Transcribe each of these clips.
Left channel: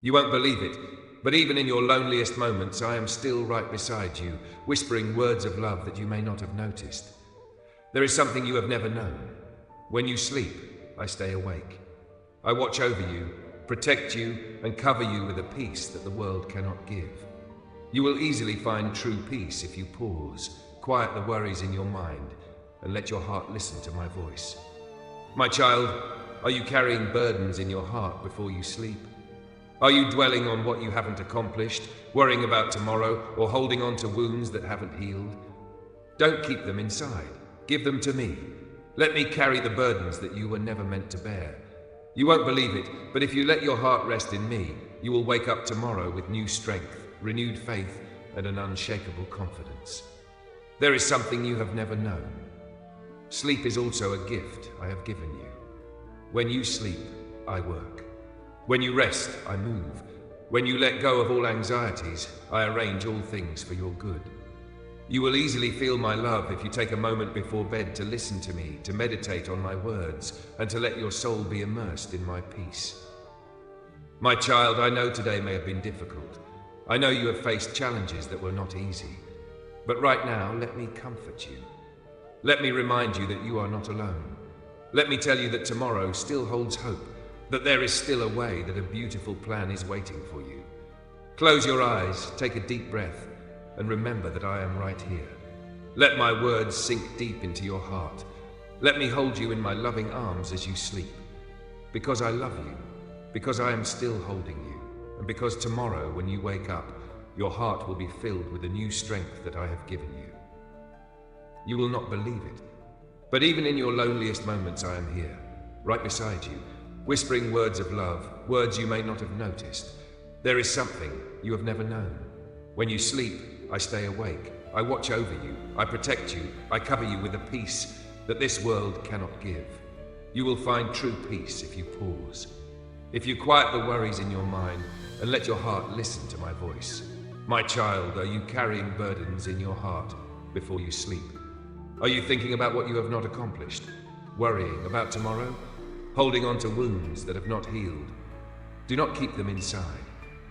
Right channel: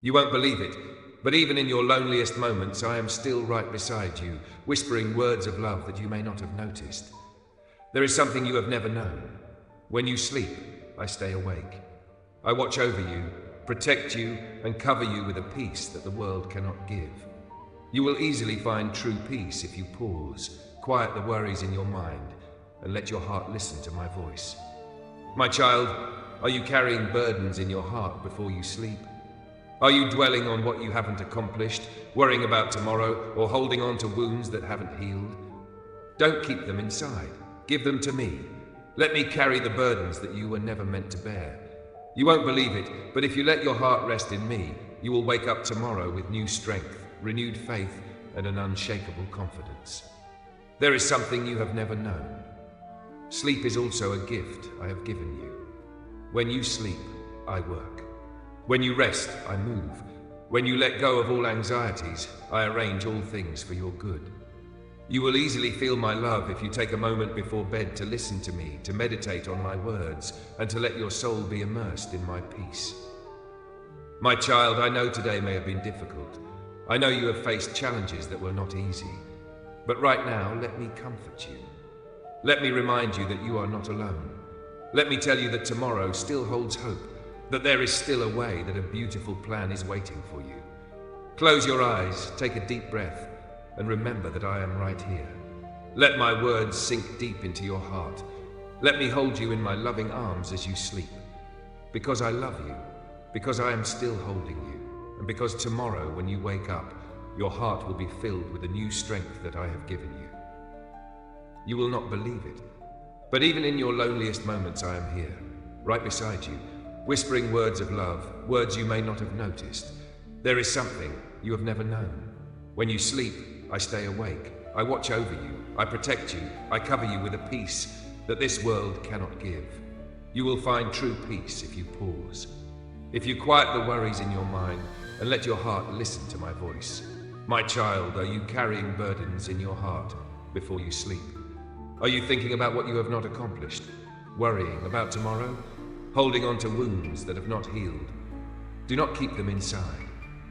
You won't believe it, but even in your loneliest moments, I am still right beside you, whispering words of love that you may not have noticed. There is something you have never known. When you sleep, I stay awake. I watch over you, protect you, and cover you with a peace that the world cannot give. You will easily find true peace if you pause, quiet the worries in your mind, and let your heart listen to my voice. My child, are you carrying burdens in your heart before you sleep? Are you dwelling on what you haven't accomplished, worrying about tomorrow, or holding on to wounds that haven't healed? Don't keep them inside. Give them to me. Let me carry the burdens that you were never meant to bear. You won't believe it, but if you let your heart rest in me, you will wake up tomorrow with new strength, renewed faith, and an unshakable confidence. There is something you have never known. Sleep is also a gift I have given you. When you sleep, I work. When you rest, I move. When you let go of all anxieties, I arrange all things for your good. You will easily feel my love if you take a moment before bed to listen to me, to meditate on my words, and to let your soul be immersed in my peace. My child, I know today may have been difficult. I know you have faced challenges that were not easy. But right now, let me comfort you. Let me remind you that you are not alone. Let me tell you that tomorrow still holds hope, that there is still a way, that a beautiful plan is waiting for you. Close your eyes, take a deep breath, and remember that I am right here. Let my words sink deep into your heart. Let me hold you in my loving arms as you sleep. Because I love you, because I am still holding you, and because tomorrow when you wake up, your heart will be filled with the new strength that I have given you. You will not believe it, but even in your loneliest moments I am here, right beside you, whispering words of love, words you may not have noticed. There is something you have never known. When you sleep, I stay awake. I watch over you. I protect you. I cover you with a peace that this world cannot give. You will find true peace if you pause. If you quiet the worries in your mind and let your heart listen to my voice. My child, are you carrying burdens in your heart before you sleep? Are you thinking about what you have not accomplished? Worrying about tomorrow? Holding on to wounds that have not healed? Do not keep them inside.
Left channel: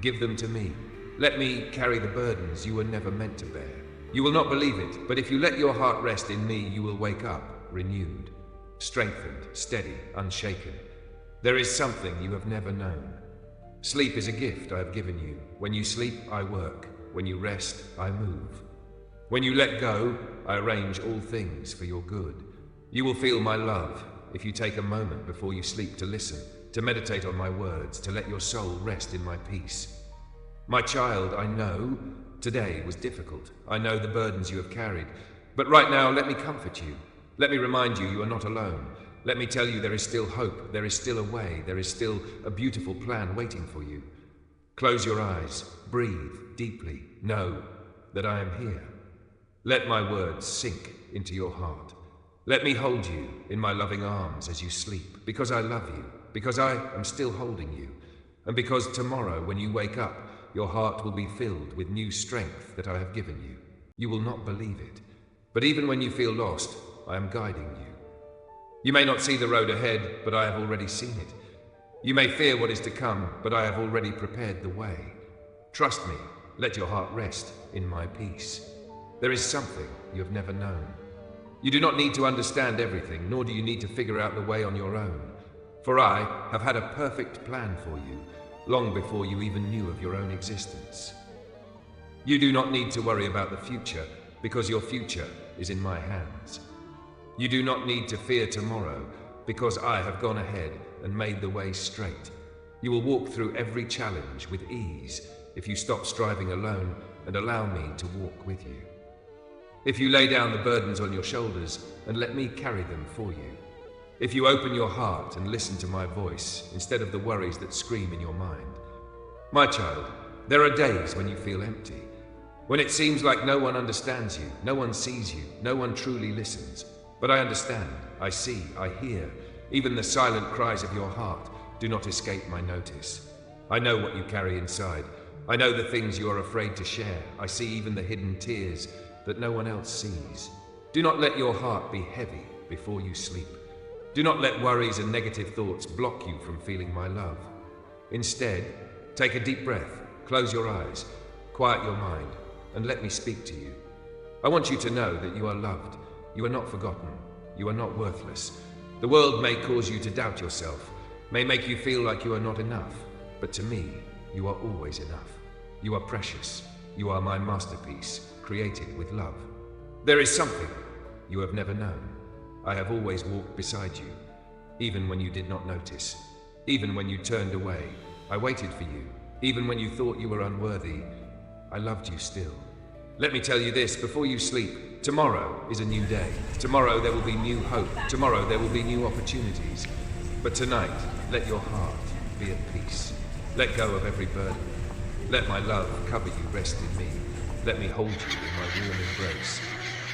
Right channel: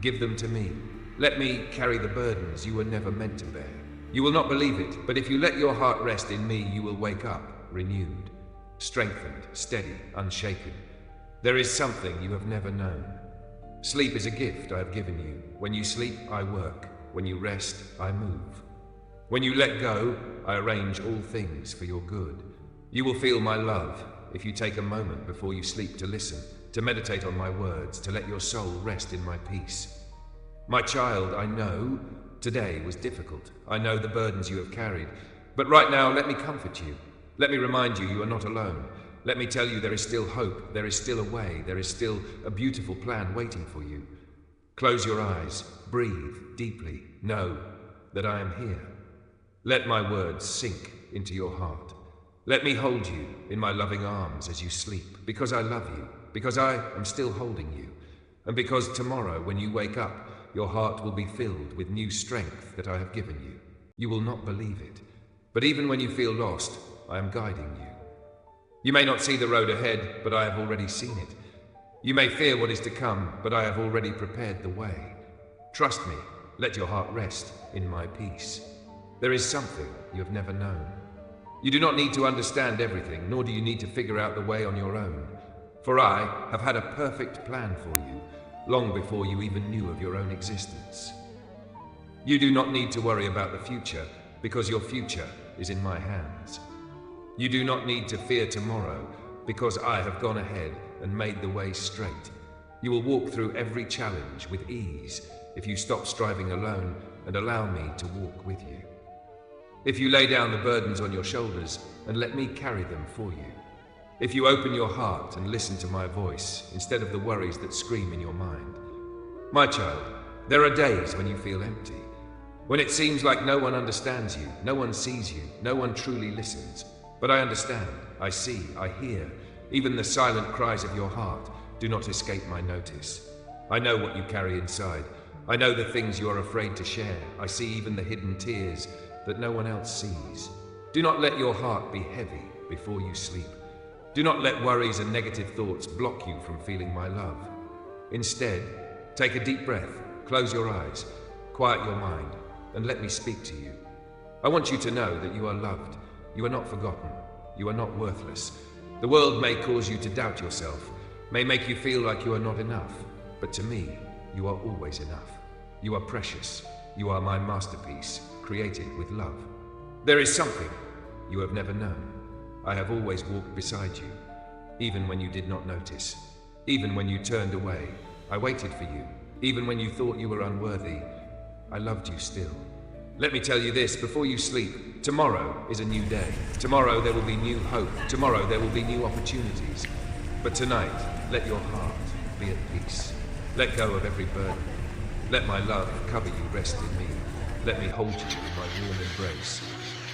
Give them to me. Let me carry the burdens you were never meant to bear. You will not believe it, but if you let your heart rest in me, you will wake up renewed, strengthened, steady, unshaken. There is something you have never known. Sleep is a gift I have given you. When you sleep, I work. When you rest, I move. When you let go, I arrange all things for your good. You will feel my love if you take a moment before you sleep to listen, to meditate on my words, to let your soul rest in my peace. My child, I know today was difficult. I know the burdens you have carried. But right now, let me comfort you. Let me remind you, you are not alone. Let me tell you there is still hope. There is still a way. There is still a beautiful plan waiting for you. Close your eyes. Breathe deeply. Know that I am here. Let my words sink into your heart. Let me hold you in my loving arms as you sleep, because I love you, because I am still holding you, and because tomorrow when you wake up, your heart will be filled with new strength that I have given you. You will not believe it, but even when you feel lost, I am guiding you. You may not see the road ahead, but I have already seen it. You may fear what is to come, but I have already prepared the way. Trust me, let your heart rest in my peace. There is something you have never known. You do not need to understand everything, nor do you need to figure out the way on your own. For I have had a perfect plan for you, long before you even knew of your own existence. You do not need to worry about the future, because your future is in my hands. You do not need to fear tomorrow, because I have gone ahead and made the way straight. You will walk through every challenge with ease if you stop striving alone and allow me to walk with you. If you lay down the burdens on your shoulders and let me carry them for you. If you open your heart and listen to my voice instead of the worries that scream in your mind. My child, there are days when you feel empty, when it seems like no one understands you, no one sees you, no one truly listens. But I understand, I see, I hear. Even the silent cries of your heart do not escape my notice. I know what you carry inside. I know the things you are afraid to share. I see even the hidden tears that no one else sees. Do not let your heart be heavy before you sleep. Do not let worries and negative thoughts block you from feeling my love. Instead, Take a deep breath, close your eyes, quiet your mind, and let me speak to you. I want you to know that you are loved. You are not forgotten. You are not worthless. The world may cause you to doubt yourself, may make you feel like you are not enough, but to me, you are always enough. You are precious. You are my masterpiece, created with love. There is something you have never known. I have always walked beside you, even when you did not notice. Even when you turned away, I waited for you. Even when you thought you were unworthy, I loved you still. Let me tell you this before you sleep. Tomorrow is a new day. Tomorrow there will be new hope. Tomorrow there will be new opportunities. But tonight, let your heart be at peace. Let go of every burden. Let my love cover you, rest in me. Let me hold you in my warm embrace.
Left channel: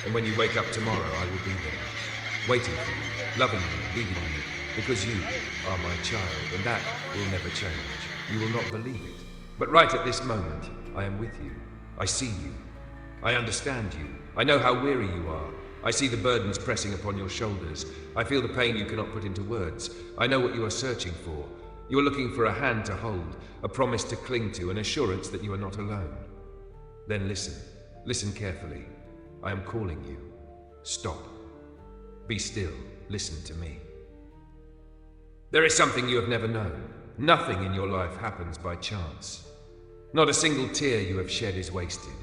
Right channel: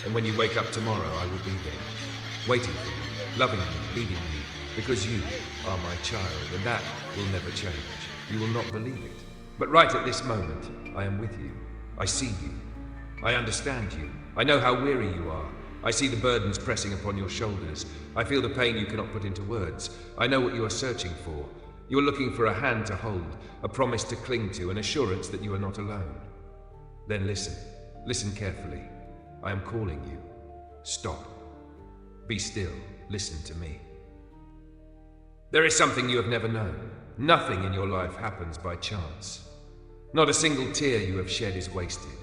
And when you wake up tomorrow, I will be there, waiting for you, loving you, leading you, because you are my child, and that will never change. You will not believe it. But right at this moment, I am with you. I see you. I understand you. I know how weary you are. I see the burdens pressing upon your shoulders. I feel the pain you cannot put into words. I know what you are searching for. You are looking for a hand to hold, a promise to cling to, an assurance that you are not alone. Then listen. Listen carefully. I am calling you. Stop. Be still. Listen to me. There is something you have never known. Nothing in your life happens by chance. Not a single tear you have shed is wasted.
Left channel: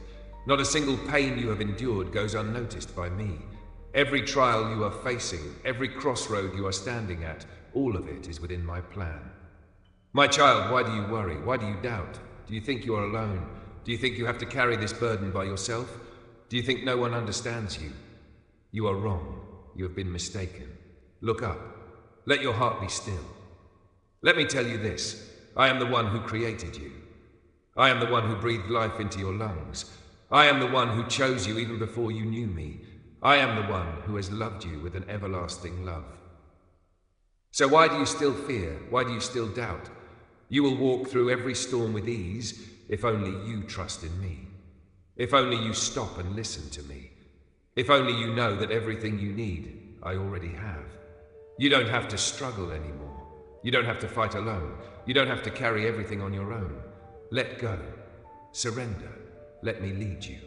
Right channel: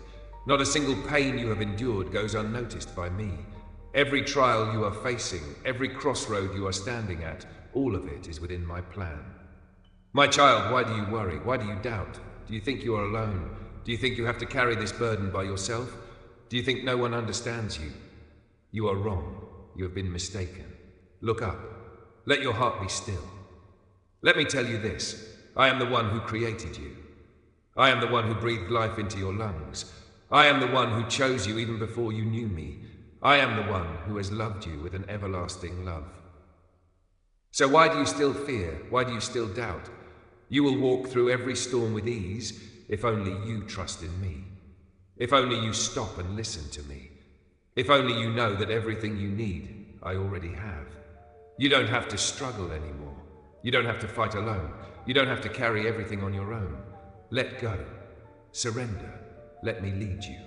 Not a single pain you have endured goes unnoticed by me. Every trial you are facing, every crossroad you are standing at, all of it is within my plan. My child, why do you worry? Why do you doubt? Do you think you are alone? Do you think you have to carry this burden by yourself? Do you think no one understands you? You are wrong. You have been mistaken. Look up. Let your heart be still. Let me tell you this. I am the one who created you. I am the one who breathed life into your lungs. I am the one who chose you even before you knew me. I am the one who has loved you with an everlasting love. So why do you still fear? Why do you still doubt? You will walk through every storm with ease if only you trust in me. If only you stop and listen to me. If only you know that everything you need, I already have. You don't have to struggle anymore. You don't have to fight alone. You don't have to carry everything on your own. Let go. Surrender. Let me lead you.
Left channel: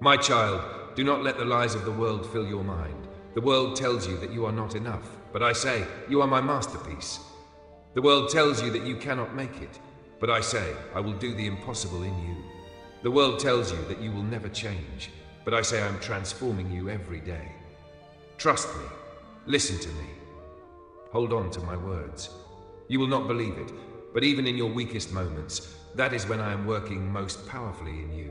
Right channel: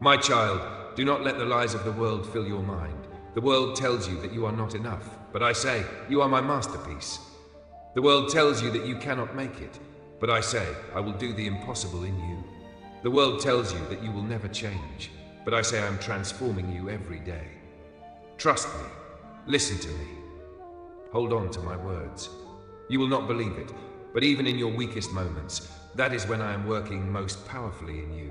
My child, do not let the lies of the world fill your mind. The world tells you that you are not enough, but I say, you are my masterpiece. The world tells you that you cannot make it, but I say, I will do the impossible in you. The world tells you that you will never change, but I say I am transforming you every day. Trust me. Listen to me. Hold on to my words. You will not believe it, but even in your weakest moments, that is when I am working most powerfully in you.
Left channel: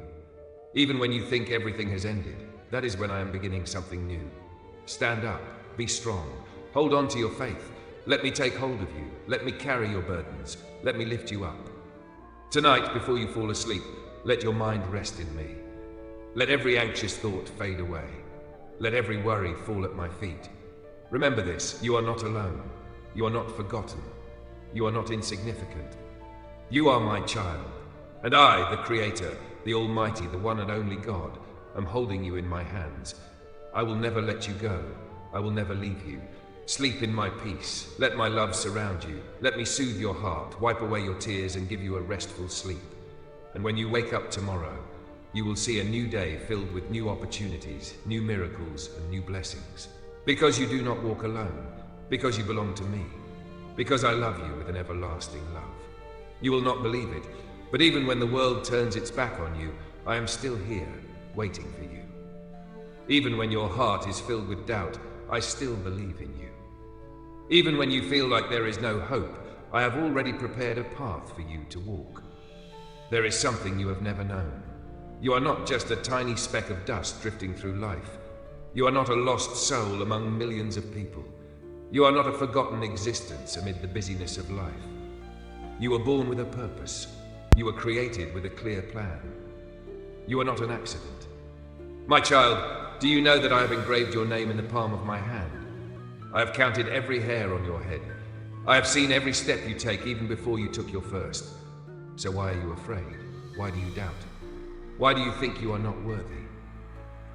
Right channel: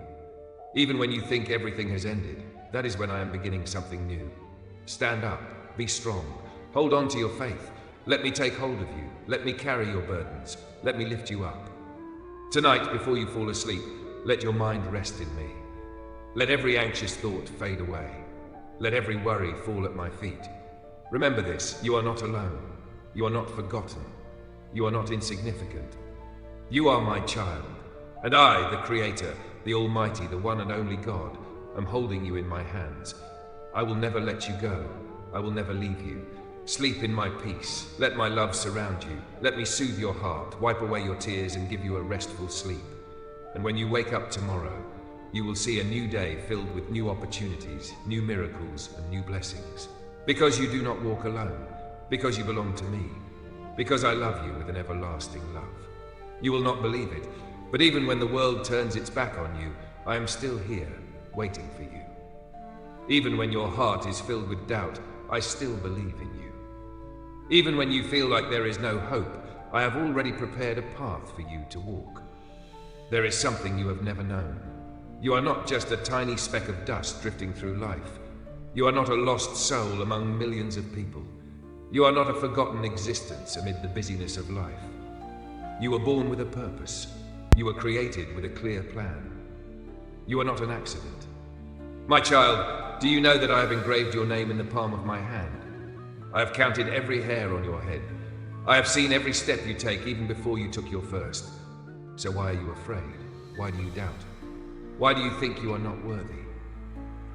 Even when you think everything has ended, that is when I am beginning something new. Stand up. Be strong. Hold on to your faith. Let me take hold of you. Let me carry your burdens. Let me lift you up. Tonight, before you fall asleep, let your mind rest in me. Let every anxious thought fade away. Let every worry fall at my feet. Remember this, you are not alone. You are not forgotten. You are not insignificant. You are my child, and I, the Creator, the Almighty, the one and only God, am holding you in my hands. I will never let you go. I will never leave you. Sleep in my peace. Let my love surround you. Let me soothe your heart, wipe away your tears, and give you a restful sleep. And when you wake up tomorrow, you will see a new day filled with new opportunities, new miracles, and new blessings. Because you do not walk alone. Because you belong to me. Because I love you with an everlasting love. You will not believe it, but even when the world turns its back on you, I am still here, waiting for you. Even when your heart is filled with doubt, I still believe in you. Even when you feel like there is no hope, I have already prepared a path for you to walk. There is something you have never known. You are not just a tiny speck of dust drifting through life. You are not a lost soul among millions of people. You are not a forgotten existence amid the busyness of life. You were born with a purpose. You were created with a clear plan. You are not an accident. My child, do you know that I have engraved your name in the palm of my hand? I have counted every hair on your head. I have seen every step you take even before you took your first. So why are you afraid? Why do you doubt? Why do you think you are not worthy?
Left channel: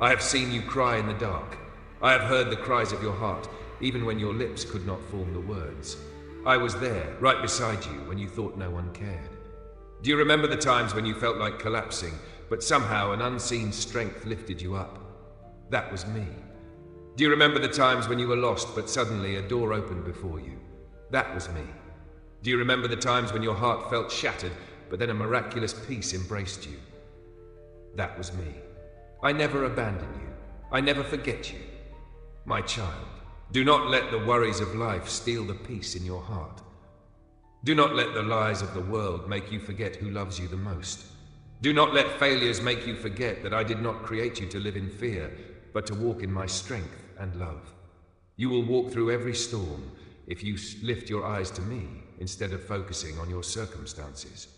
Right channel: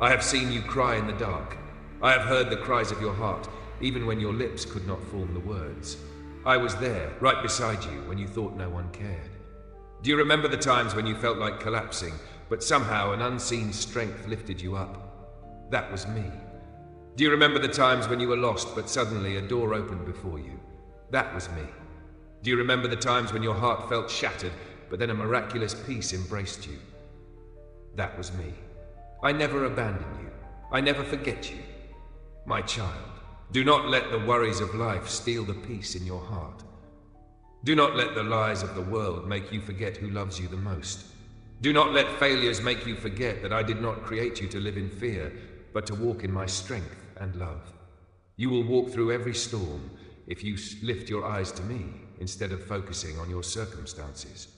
I have seen you cry in the dark. I have heard the cries of your heart, even when your lips could not form the words. I was there, right beside you, when you thought no one cared. Do you remember the times when you felt like collapsing, but somehow an unseen strength lifted you up? That was me. Do you remember the times when you were lost, but suddenly a door opened before you? That was me. Do you remember the times when your heart felt shattered, but then a miraculous peace embraced you? That was me. I never abandon you. I never forget you. My child, do not let the worries of life steal the peace in your heart. Do not let the lies of the world make you forget who loves you the most. Do not let failures make you forget that I did not create you to live in fear, but to walk in my strength and love. You will walk through every storm if you lift your eyes to me instead of focusing on your circumstances.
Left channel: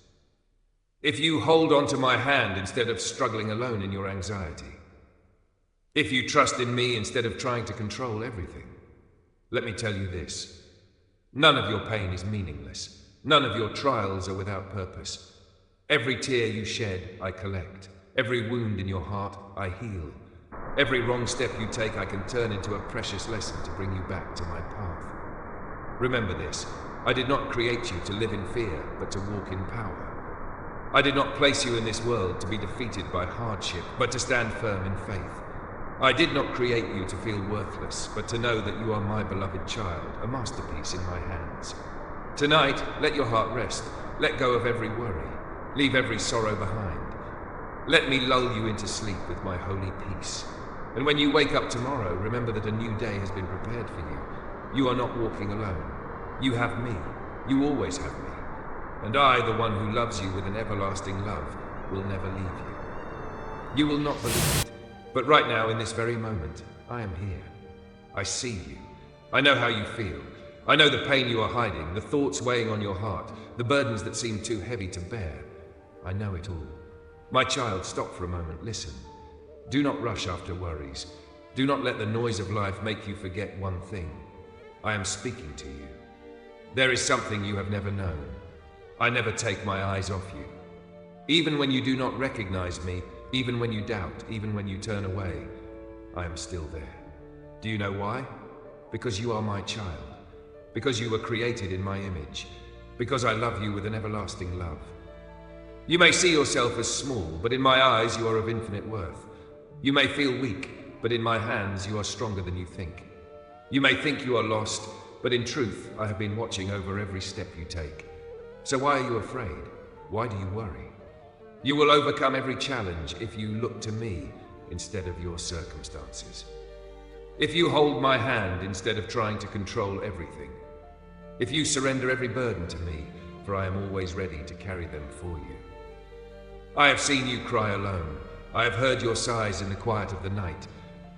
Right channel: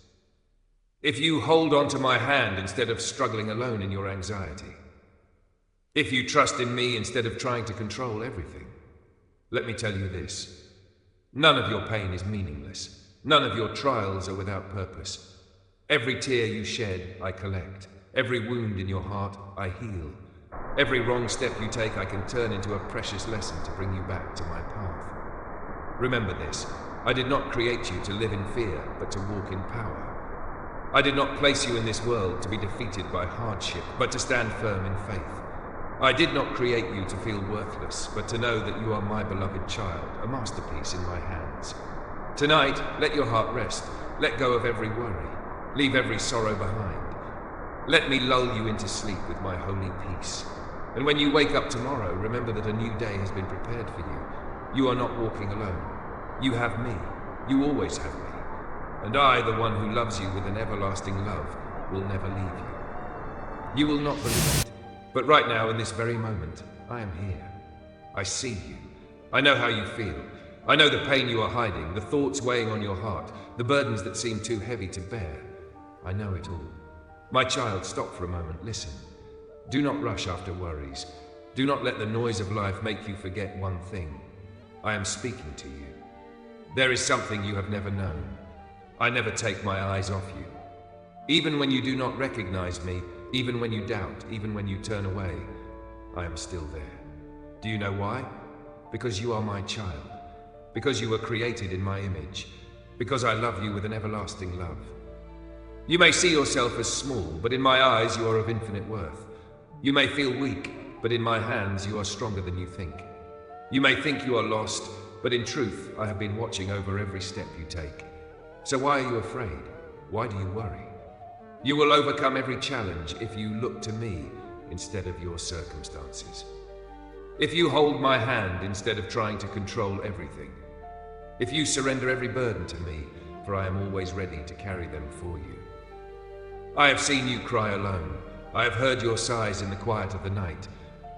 If you hold on to my hand instead of struggling alone in your anxiety. If you trust in me instead of trying to control everything. Let me tell you this. None of your pain is meaningless. None of your trials are without purpose. Every tear you shed, I collect. Every wound in your heart, I heal. Every wrong step you take, I can turn into a precious lesson to bring you back to my path. Remember this, I did not create you to live in fear, but to walk in power. I did not place you in this world to be defeated by hardship, but to stand firm in faith. I did not create you to feel worthless, but to know that you are my beloved child, a masterpiece in my hands. Tonight, let your heart rest. Let go of every worry. Leave every sorrow behind. Let me lull you into sleep with my holy peace. And when you wake up tomorrow, remember that a new day has been prepared for you. You are not walking alone. You have me. You always have me. And I, the one who loves you with an everlasting love, will never leave you. You will not believe it, but right now, in this very moment, I am here. I see you. I know how you feel. I know the pain you are hiding, the thoughts weighing on your heart, the burdens that seem too heavy to bear. I know it all. My child, stop for a moment. Listen. Do not rush after worries. Do not let the noise of life make you forget one thing. I am speaking to you. There is something you have never known. I never take my eyes off you. Even when you do not recognize me, even when you doubt, even when you turn away, I am still there. Do you know why? Because you are my child. Because you were created in my image. Because I love you with an everlasting love. You may see yourself as small, but in my eyes you are of infinite worth. You may feel weak, but in my hands you are stronger than you think. You may think you are lost, but in truth I have been watching over every step you take. So why are you afraid? Why do you worry? You will overcome every challenge if you look to me instead of your circumstances. If you hold my hand instead of trying to control everything. If you surrender every burden to me, for I am always ready to carry them for you. I have seen you cry alone. I have heard your sighs in the quiet of the night.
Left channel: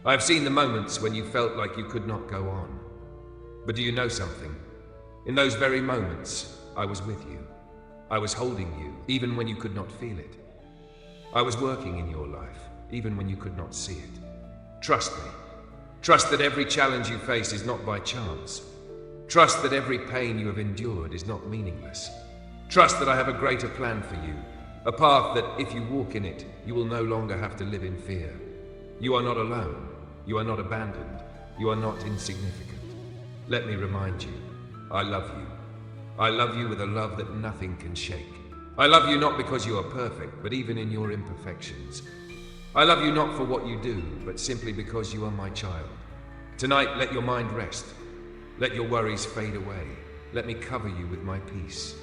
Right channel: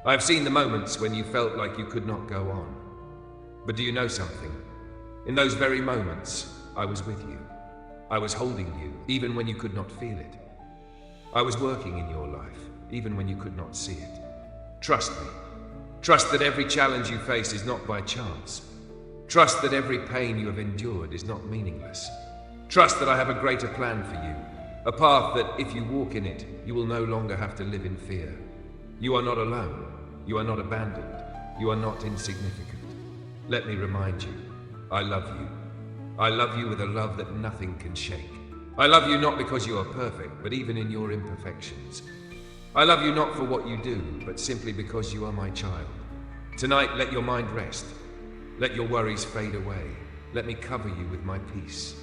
I have seen the moments when you felt like you could not go on. But do you know something? In those very moments, I was with you. I was holding you, even when you could not feel it. I was working in your life, even when you could not see it. Trust me. Trust that every challenge you face is not by chance. Trust that every pain you have endured is not meaningless. Trust that I have a greater plan for you, a path that, if you walk in it, you will no longer have to live in fear. You are not alone. You are not abandoned. You are not insignificant. Let me remind you, I love you. I love you with a love that nothing can shake. I love you not because you are perfect, but even in your imperfections. I love you not for what you do, but simply because you are my child. Tonight, let your mind rest. Let your worries fade away. Let me cover you with my peace.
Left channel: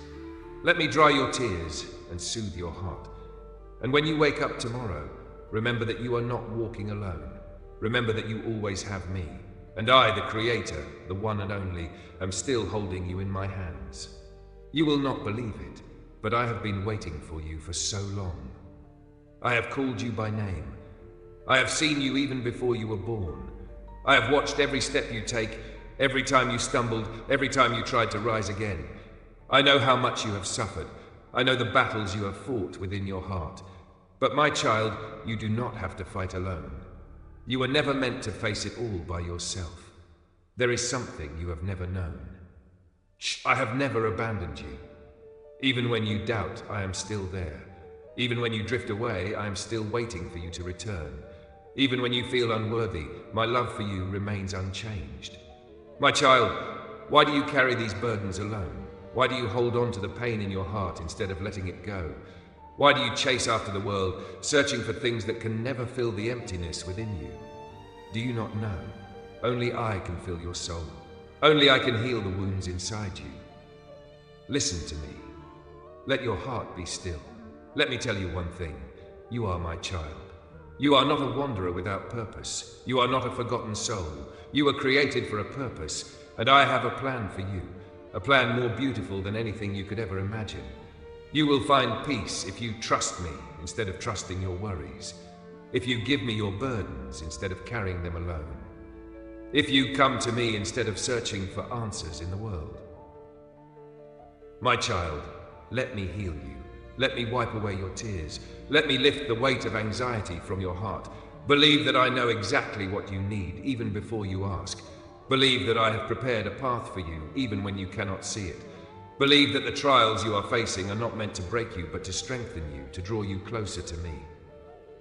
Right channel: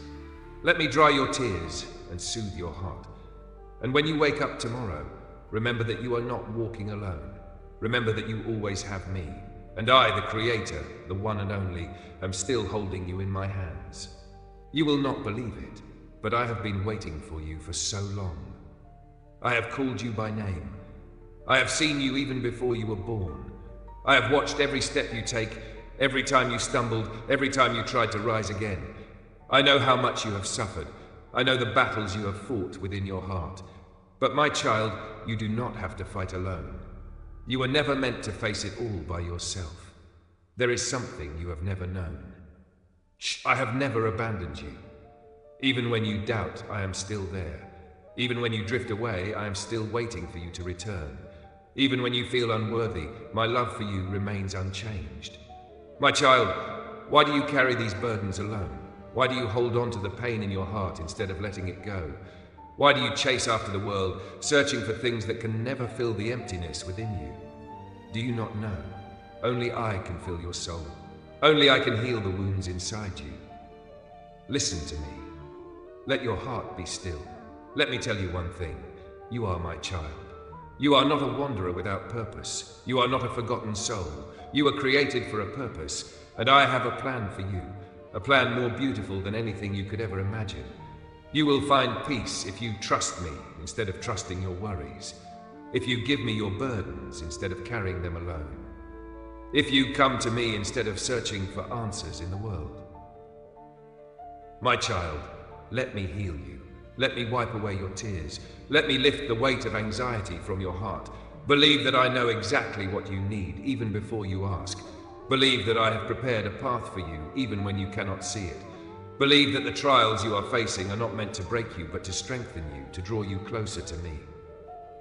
Let me dry your tears and soothe your heart. And when you wake up tomorrow, remember that you are not walking alone. Remember that you always have me. And I, the Creator, the one and only, am still holding you in my hands. You will not believe it, but I have been waiting for you for so long. I have called you by name. I have seen you even before you were born. I have watched every step you take, every time you stumbled, every time you tried to rise again. I know how much you have suffered. I know the battles you have fought within your heart. But my child, you do not have to fight alone. You were never meant to face it all by yourself. There is something you have never known. I have never abandoned you. Even when you doubt, I am still there. Even when you drift away, I am still waiting for you to return. Even when you feel unworthy, my love for you remains unchanged. My child, why do you carry these burdens alone? Why do you hold on to the pain in your heart instead of letting it go? Why do you chase after the world, searching for things that can never fill the emptiness within you? Do you not know? Only I can fill your soul. Only I can heal the wounds inside you. Listen to me. Let your heart be still. Let me tell you one thing. You are my child. You are not a wanderer without purpose. You are not a forgotten soul. You were created for a purpose, and I have a plan for you, a plan more beautiful than anything you could ever imagine. You will find peace if you trust me instead of trusting your worries, if you give me your burdens instead of carrying them alone, if you come to me instead of searching for answers in the world. My child, let me heal you. Let me wipe away your tears. Let me lift the weight of anxiety from your heart. Believe that I know exactly what you need, even before you ask. Believe that I have prepared a path for you, even when you cannot see it. Believe that the trials you are facing are not meant to break you, but to strengthen you, to draw you closer to me.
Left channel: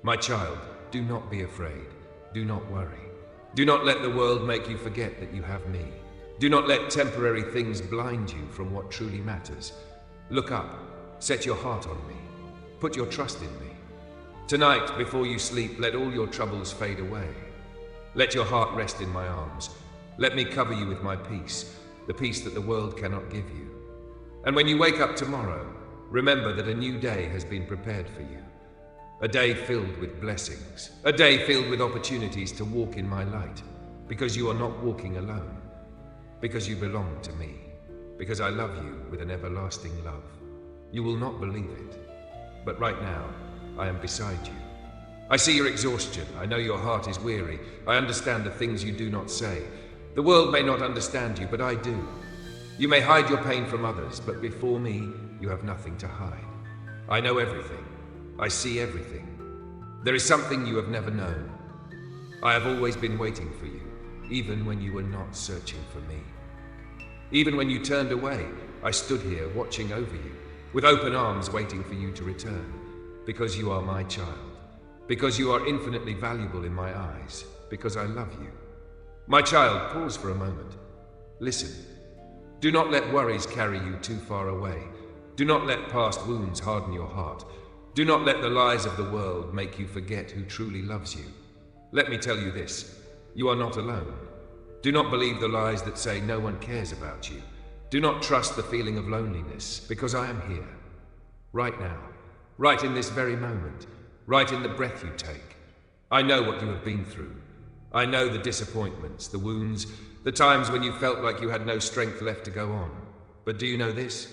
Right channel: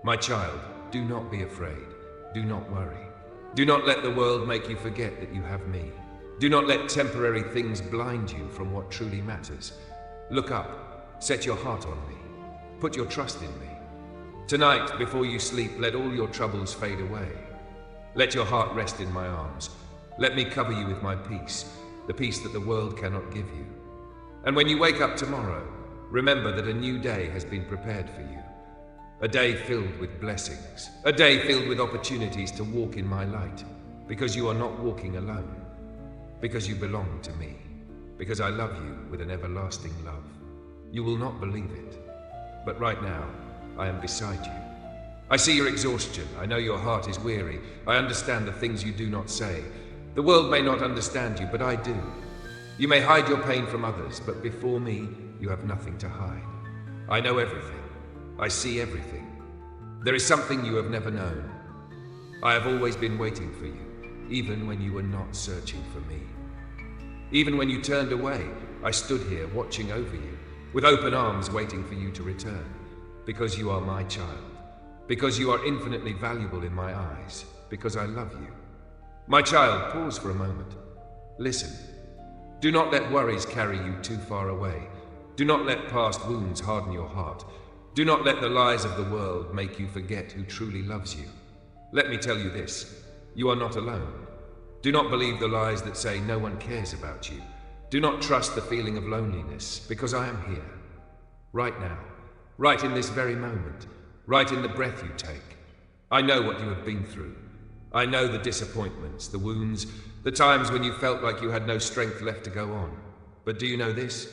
My child, do not be afraid. Do not worry. Do not let the world make you forget that you have me. Do not let temporary things blind you from what truly matters. Look up. Set your heart on me. Put your trust in me. Tonight, before you sleep, let all your troubles fade away. Let your heart rest in my arms. Let me cover you with my peace, the peace that the world cannot give you. And when you wake up tomorrow, remember that a new day has been prepared for you. A day filled with blessings. A day filled with opportunities to walk in my light. Because you are not walking alone. Because you belong to me. Because I love you with an everlasting love. You will not believe it. But right now, I am beside you. I see your exhaustion. I know your heart is weary. I understand the things you do not say. The world may not understand you, but I do. You may hide your pain from others, but before me, you have nothing to hide. I know everything. I see everything. There is something you have never known. I have always been waiting for you, even when you were not searching for me. Even when you turned away, I stood here watching over you, with open arms waiting for you to return, because you are my child, because you are infinitely valuable in my eyes, because I love you. My child, pause for a moment. Listen. Do not let worries carry you too far away. Do not let past wounds harden your heart. Do not let the lies of the world make you forget who truly loves you. Let me tell you this. You are not alone. Do not believe the lies that say no one cares about you. Do not trust the feeling of loneliness, because I am here. Right now. Right in this very moment. Right in the breath you take. I know what you have been through. I know the disappointments, the wounds, the times when you felt like you had no strength left to go on. But do you know this?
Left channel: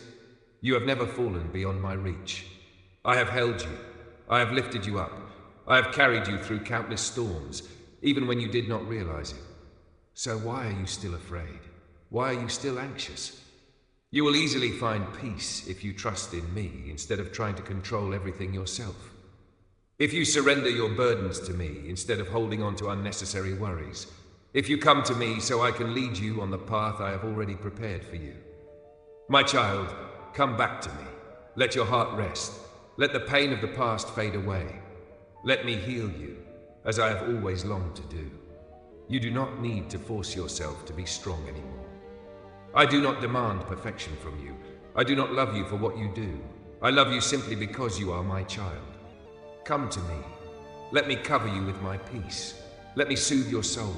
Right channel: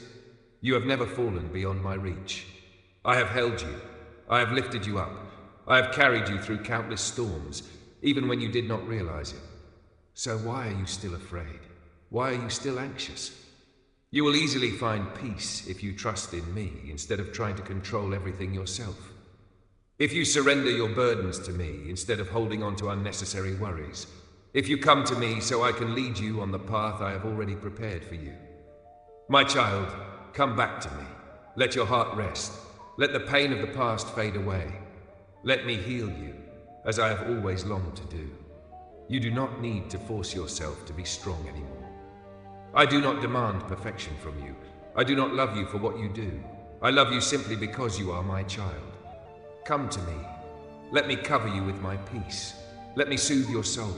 You have never fallen beyond my reach. I have held you. I have lifted you up. I have carried you through countless storms, even when you did not realize it. So why are you still afraid? Why are you still anxious? You will easily find peace if you trust in me instead of trying to control everything yourself. If you surrender your burdens to me instead of holding on to unnecessary worries. If you come to me so I can lead you on the path I have already prepared for you. My child, come back to me. Let your heart rest. Let the pain of the past fade away. Let me heal you, as I have always longed to do. You do not need to force yourself to be strong anymore. I do not demand perfection from you. I do not love you for what you do. I love you simply because you are my child. Come to me. Let me cover you with my peace. Let me soothe your soul.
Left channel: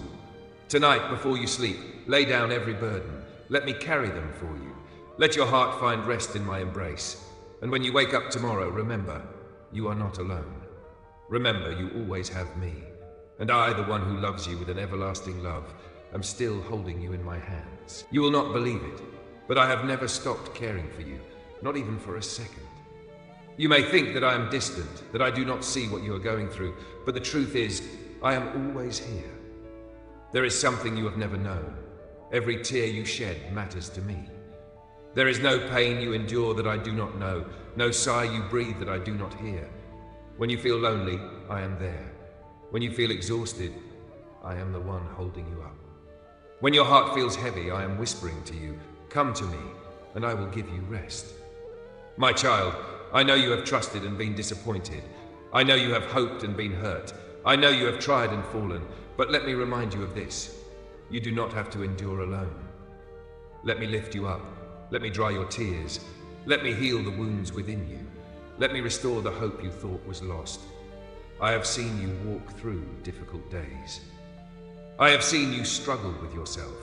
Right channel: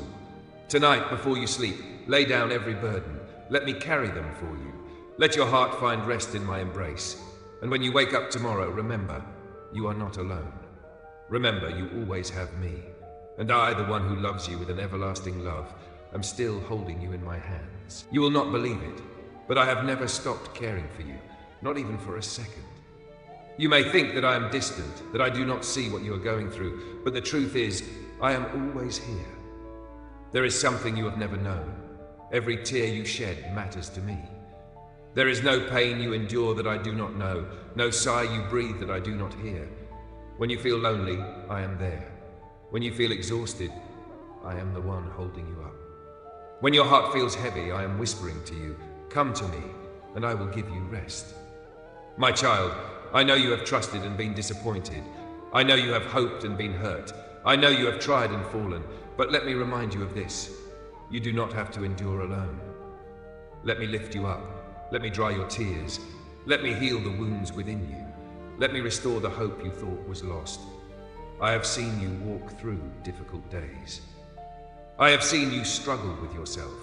Tonight, before you sleep, lay down every burden. Let me carry them for you. Let your heart find rest in my embrace. And when you wake up tomorrow, remember, you are not alone. Remember, you always have me. And I, the one who loves you with an everlasting love, am still holding you in my hands. You will not believe it, but I have never stopped caring for you, not even for a second. You may think that I am distant, that I do not see what you are going through, but the truth is, I am always here. There is something you have never known. Every tear you shed matters to me. There is no pain you endure that I do not know, no sigh you breathe that I do not hear. When you feel lonely, I am there. When you feel exhausted, I am the one holding you up. When your heart feels heavy, I am whispering to you, come to me, and I will give you rest. My child, I know you have trusted and been disappointed. I know you have hoped and been hurt. I know you have tried and fallen, but let me remind you of this. You do not have to endure alone. Let me lift you up. Let me dry your tears. Let me heal the wounds within you. Let me restore the hope you thought was lost. I have seen you walk through difficult days. I have seen you struggle with yourself.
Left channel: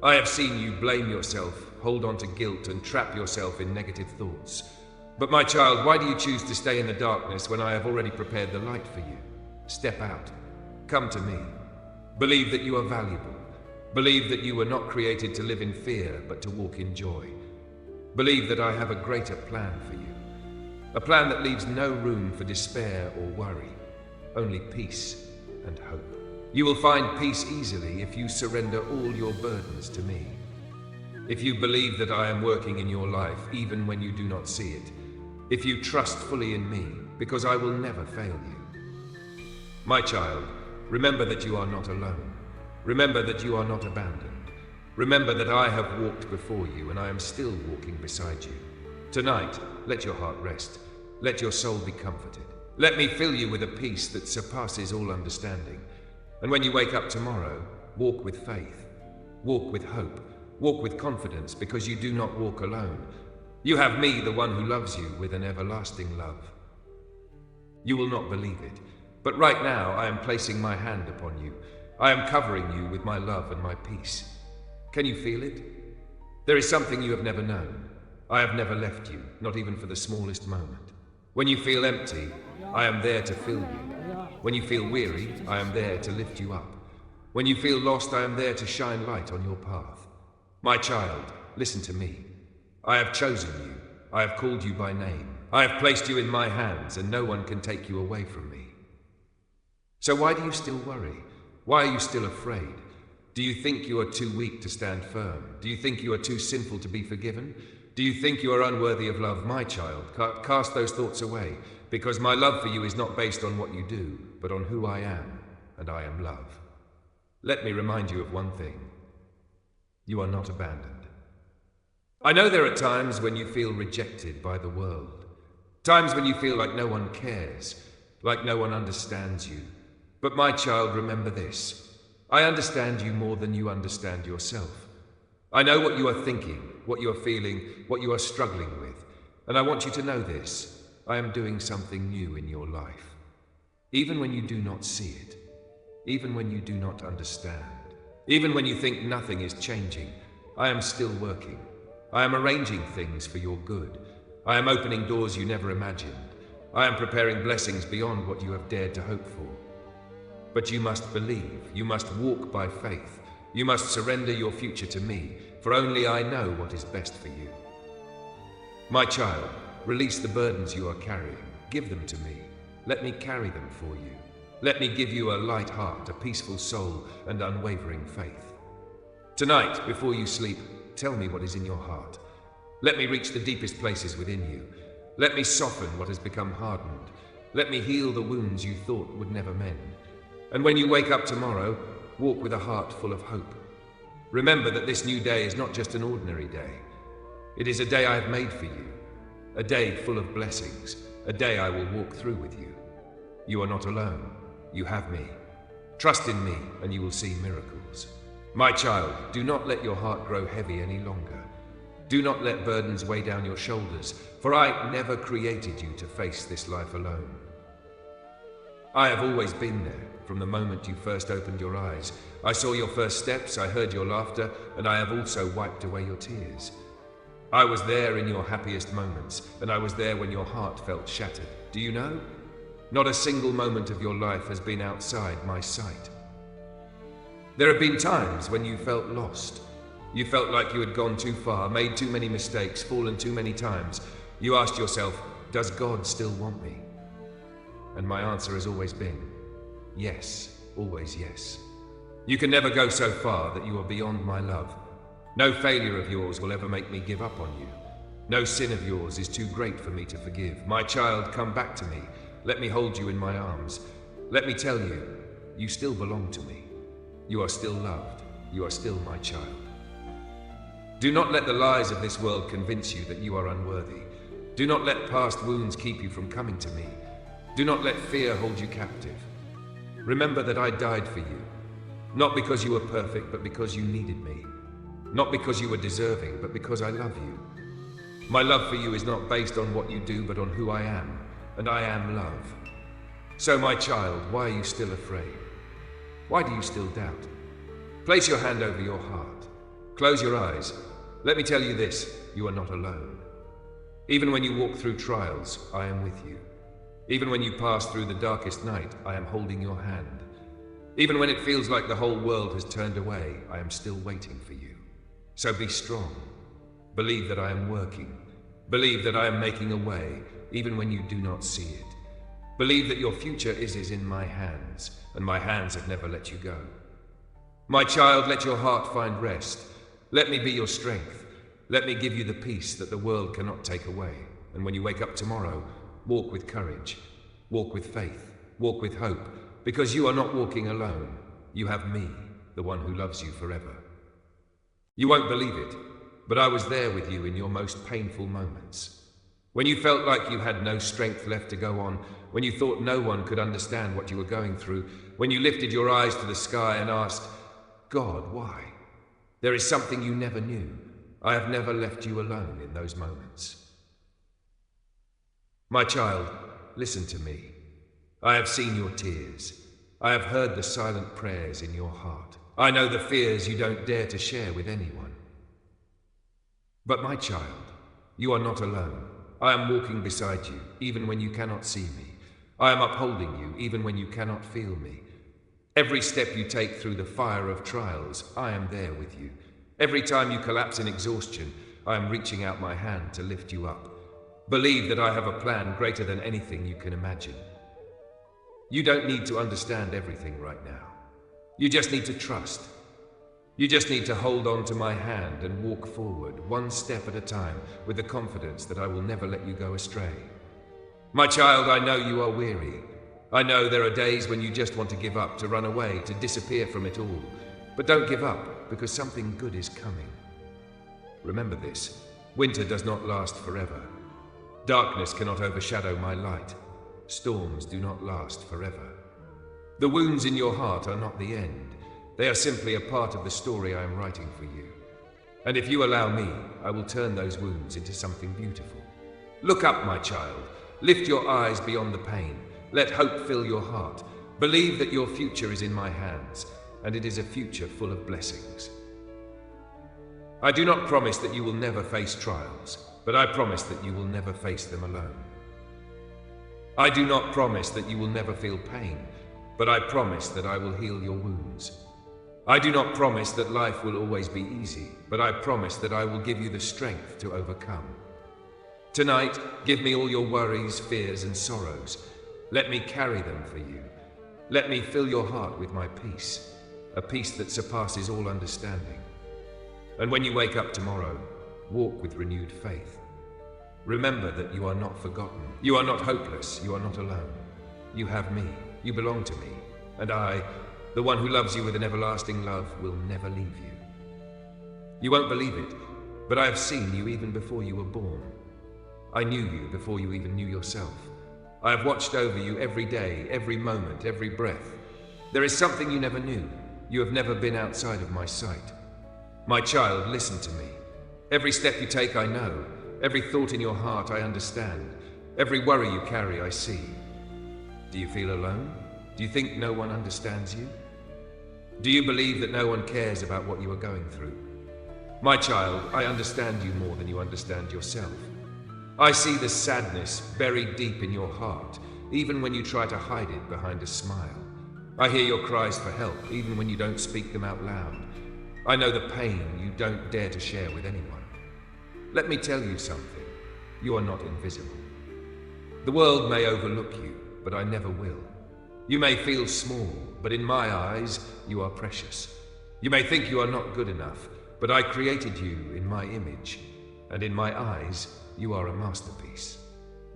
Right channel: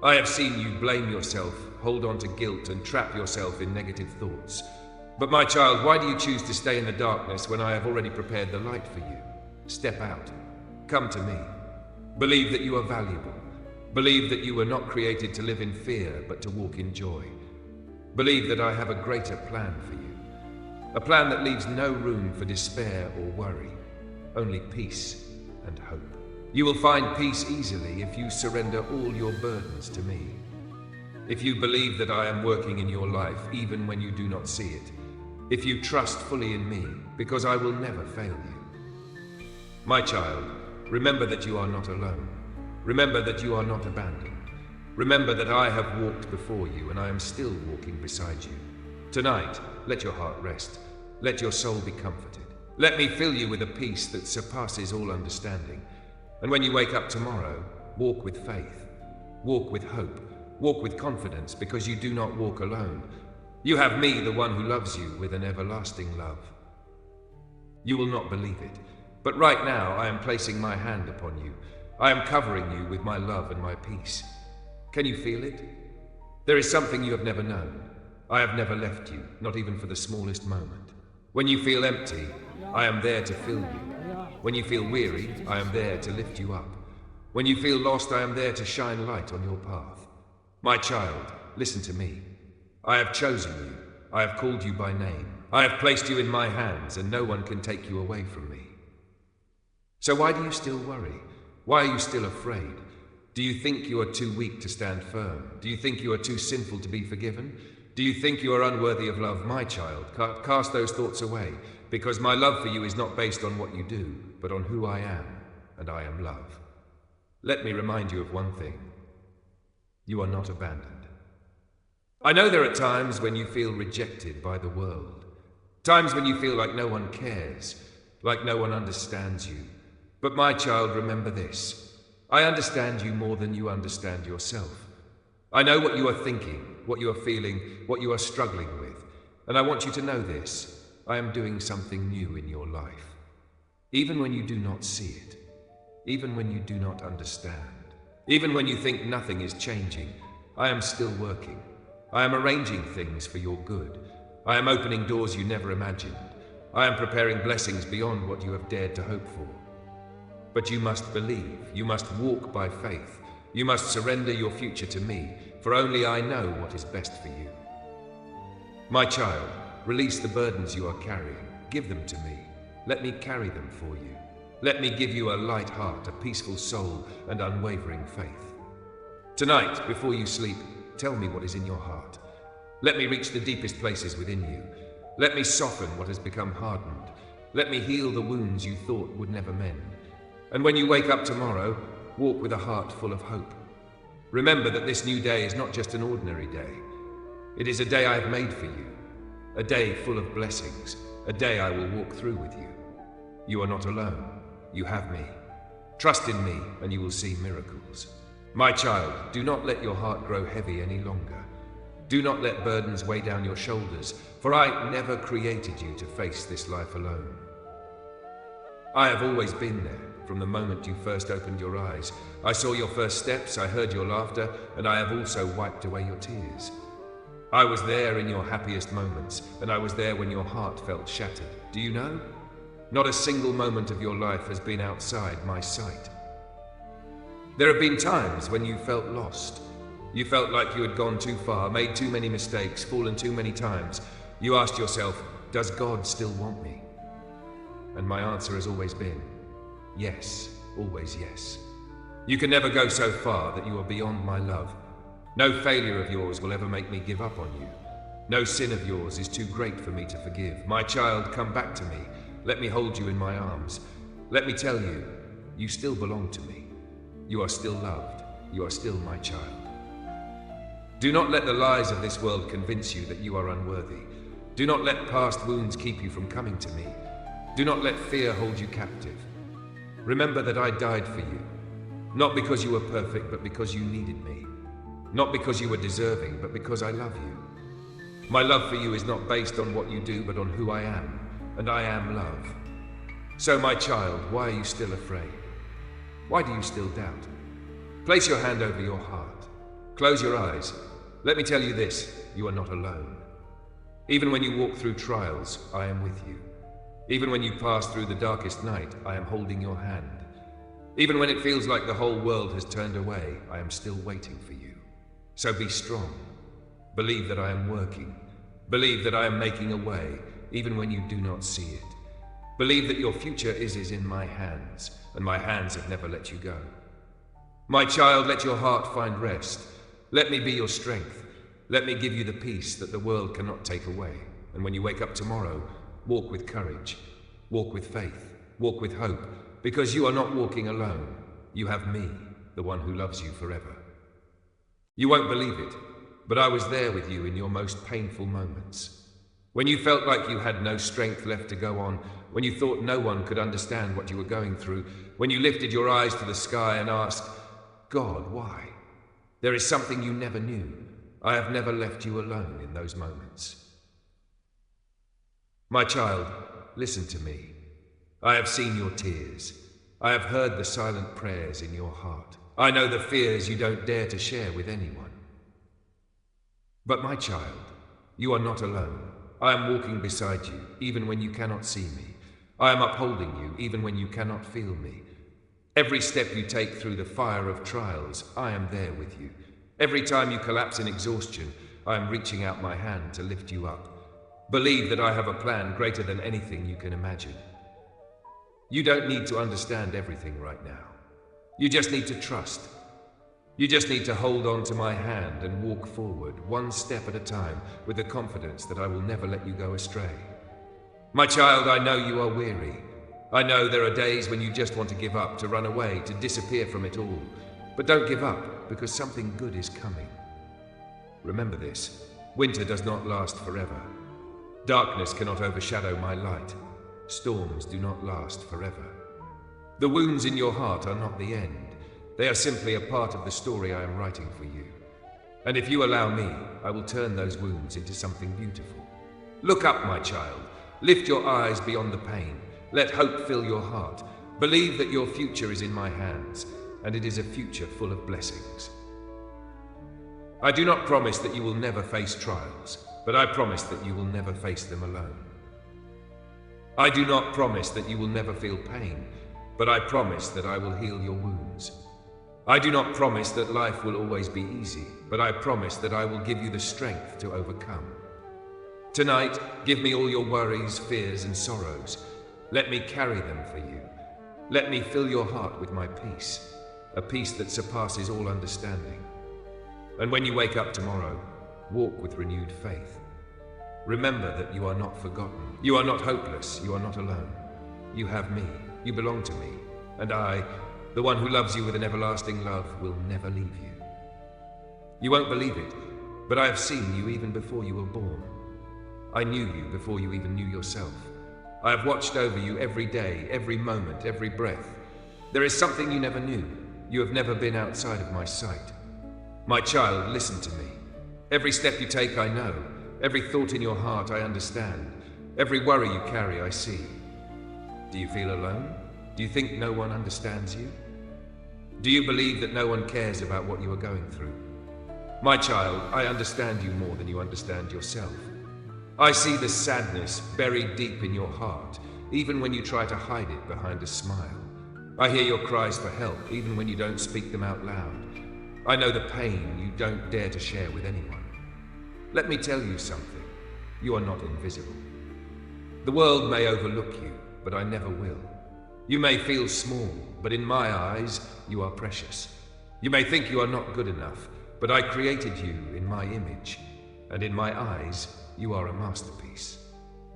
I have seen you blame yourself, hold on to guilt, and trap yourself in negative thoughts. But my child, why do you choose to stay in the darkness when I have already prepared the light for you? Step out. Come to me. Believe that you are valuable. Believe that you were not created to live in fear, but to walk in joy. Believe that I have a greater plan for you. A plan that leaves no room for despair or worry, only peace and hope. You will find peace easily if you surrender all your burdens to me. If you believe that I am working in your life, even when you do not see it. If you trust fully in me, because I will never fail you. My child, remember that you are not alone. Remember that you are not abandoned. Remember that I have walked before you and I am still walking beside you. Tonight, let your heart rest. Let your soul be comforted. Let me fill you with a peace that surpasses all understanding. And when you wake up tomorrow, walk with faith. Walk with hope. Walk with confidence, because you do not walk alone. You have me, the one who loves you with an everlasting love. You will not believe it, but right now I am placing my hand upon you. I am covering you with my love and my peace. Can you feel it? There is something you have never known. I have never left you, not even for the smallest moment. When you feel empty, I am there to fill you. When you feel weary, I am there to lift you up. When you feel lost, I am there to shine light on your path. My child, listen to me. I have chosen you. I have called you by name. I have placed you in my hands, and no one can take you away from me. So why do you still worry? Why are you still afraid? Do you think you are too weak to stand firm? Do you think you are too sinful to be forgiven? Do you think you are unworthy of love? My child, cast those thoughts away, because my love for you is not based on what you do, but on who I am, and I am love. Let me remind you of one thing. You are not abandoned. I know there are times when you feel rejected by the world. Times when you feel like no one cares, like no one understands you. But my child, remember this. I understand you more than you understand yourself. I know what you are thinking, what you are feeling, what you are struggling with. And I want you to know this. I am doing something new in your life. Even when you do not see it. Even when you do not understand. Even when you think nothing is changing. I am still working. I am arranging things for your good. I am opening doors you never imagined. I am preparing blessings beyond what you have dared to hope for. But you must believe. You must walk by faith. You must surrender your future to me, for only I know what is best for you. My child, release the burdens you are carrying. Give them to me. Let me carry them for you. Let me give you a light heart, a peaceful soul, and unwavering faith. Tonight, before you sleep, tell me what is in your heart. Let me reach the deepest places within you. Let me soften what has become hardened. Let me heal the wounds you thought would never mend. And when you wake up tomorrow, walk with a heart full of hope. Remember that this new day is not just an ordinary day. It is a day I have made for you. A day full of blessings. A day I will walk through with you. You are not alone. You have me. Trust in me and you will see miracles. My child, do not let your heart grow heavy any longer. Do not let burdens weigh down your shoulders, for I never created you to face this life alone. I have always been there, from the moment you first opened your eyes. I saw your first steps, I heard your laughter, and I have also wiped away your tears. I was there in your happiest moments, and I was there when your heart felt shattered. Do you know? Not a single moment of your life has been outside my sight. There have been times when you felt lost. You felt like you had gone too far, made too many mistakes, fallen too many times. You asked yourself, does God still want me? And my answer has always been, yes, always yes. You can never go so far that you are beyond my love. No failure of yours will ever make me give up on you. No sin of yours is too great for me to forgive. My child, come back to me. Let me hold you in my arms. Let me tell you, you still belong to me. You are still loved. You are still my child. Do not let the lies of this world convince you that you are unworthy. Do not let past wounds keep you from coming to me. Do not let fear hold you captive. Remember that I died for you, not because you were perfect, but because you needed me. Not because you are deserving, but because I love you. My love for you is not based on what you do, but on who I am, and I am love. So, my child, why are you still afraid? Why do you still doubt? Place your hand over your heart. Close your eyes. Let me tell you this, you are not alone. Even when you walk through trials, I am with you. Even when you pass through the darkest night, I am holding your hand. Even when it feels like the whole world has turned away, I am still waiting for you. So be strong. Believe that I am working. Believe that I am making a way, even when you do not see it. Believe that your future is in my hands, and my hands have never let you go. My child, let your heart find rest. Let me be your strength. Let me give you the peace that the world cannot take away. And when you wake up tomorrow, walk with courage, walk with faith, walk with hope, because you are not walking alone. You have me, the one who loves you forever. You won't believe it, but I was there with you in your most painful moments. When you felt like you had no strength left to go on, when you thought no one could understand what you were going through, when you lifted your eyes to the sky and asked, God, why? There is something you never knew. I have never left you alone in those moments. My child, listen to me. I have seen your tears. I have heard the silent prayers in your heart. I know the fears you don't dare to share with anyone. But my child, you are not alone. I am walking beside you, even when you cannot see me. I am upholding you, even when you cannot feel me. Every step you take through the fire of trials, I am there with you. Every time you collapse in exhaustion, I am reaching out my hand to lift you up. Believe that I have a plan greater than anything you can imagine. You don't need to understand everything right now. You just need to trust. You just need to hold on to my hand and walk forward, one step at a time, with the confidence that I will never let you go astray. My child, I know you are weary. I know there are days when you just want to give up, to run away, to disappear from it all. But don't give up, because something good is coming. Remember this, winter does not last forever. Darkness cannot overshadow my light. Storms do not last forever. The wounds in your heart are not the end. They are simply a part of the story I am writing for you. And if you allow me, I will turn those wounds into something beautiful. Look up, my child. Lift your eyes beyond the pain. Let hope fill your heart. Believe that your future is in my hands, and it is a future full of blessings. I do not promise that you will never face trials, but I promise that you will never face them alone. I do not promise that you will never feel pain, but I promise that I will heal your wounds. I do not promise that life will always be easy, but I promise that I will give you the strength to overcome. Tonight, give me all your worries, fears, and sorrows. Let me carry them for you. Let me fill your heart with my peace, a peace that surpasses all understanding. And when you wake up tomorrow, walk with renewed faith. Remember that you are not forgotten. You are not hopeless. You are not alone. You have me. You belong to me. And I, the one who loves you with an everlasting love, will never leave you. You won't believe it, but I have seen you even before you were born. I knew you before you even knew yourself. I have watched over you every day, every moment, every breath. There is something you never knew. You have never been outside of my sight. My child, listen to me. Every step you take, I know. Every thought in your heart, I understand. Every worry you carry, I see. Do you feel alone? Do you think no one understands you? Do you believe that no one cares about what you are going through? My child, I understand you more than you understand yourself. I see the sadness buried deep in your heart, even when you try to hide it behind a smile. I hear your cries for help, even when you don't speak them out loud. I know the pain you don't dare to share with anyone. Let me tell you something. You are not invisible. The world may overlook you, but I never will. You may feel small, but in my eyes, you are precious. You may think you are not good enough, but I created you in my image, and in my eyes, you are a masterpiece.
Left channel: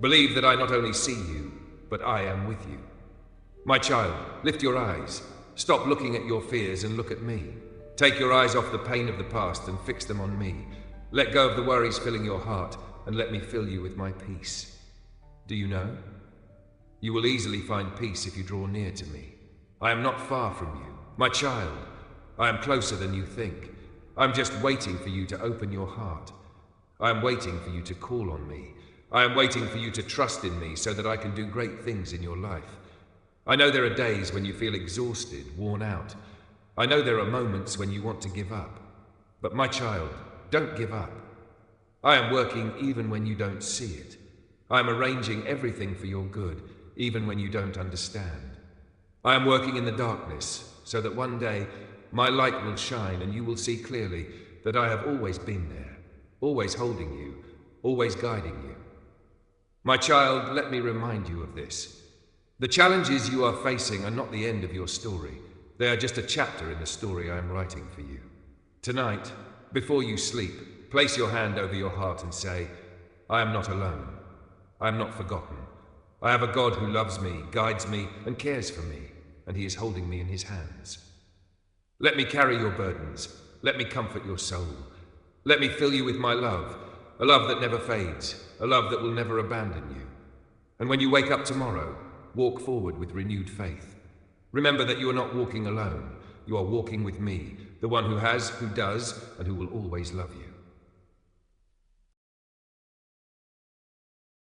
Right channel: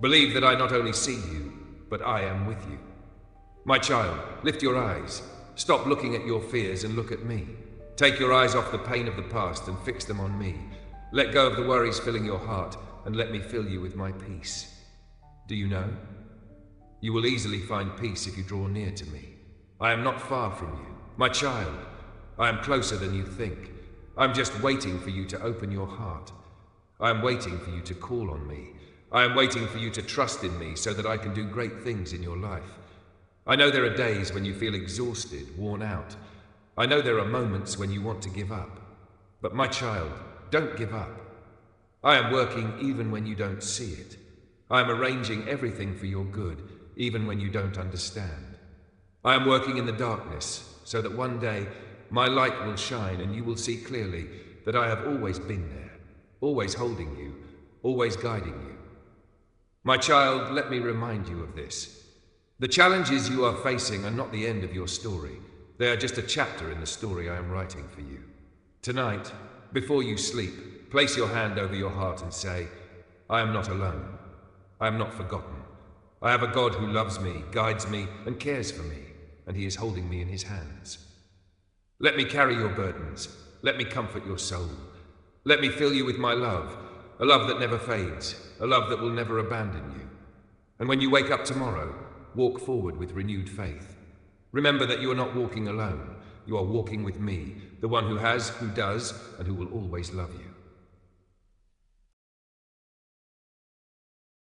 Believe that I not only see you, but I am with you. My child, lift your eyes. Stop looking at your fears and look at me. Take your eyes off the pain of the past and fix them on me. Let go of the worries filling your heart and let me fill you with my peace. Do you know? You will easily find peace if you draw near to me. I am not far from you. My child, I am closer than you think. I'm just waiting for you to open your heart. I am waiting for you to call on me. I am waiting for you to trust in me so that I can do great things in your life. I know there are days when you feel exhausted, worn out. I know there are moments when you want to give up. But my child, don't give up. I am working even when you don't see it. I am arranging everything for your good, even when you don't understand. I am working in the darkness so that one day my light will shine and you will see clearly that I have always been there, always holding you, always guiding you. My child, let me remind you of this. The challenges you are facing are not the end of your story. They are just a chapter in the story I am writing for you. Tonight, before you sleep, place your hand over your heart and say, I am not alone. I am not forgotten. I have a God who loves me, guides me, and cares for me, and he is holding me in his hands. Let me carry your burdens. Let me comfort your soul. Let me fill you with my love, a love that never fades, a love that will never abandon you. And when you wake up tomorrow, walk forward with renewed faith. Remember that you are not walking alone. You are walking with me, the one who has, who does, and who will always love you.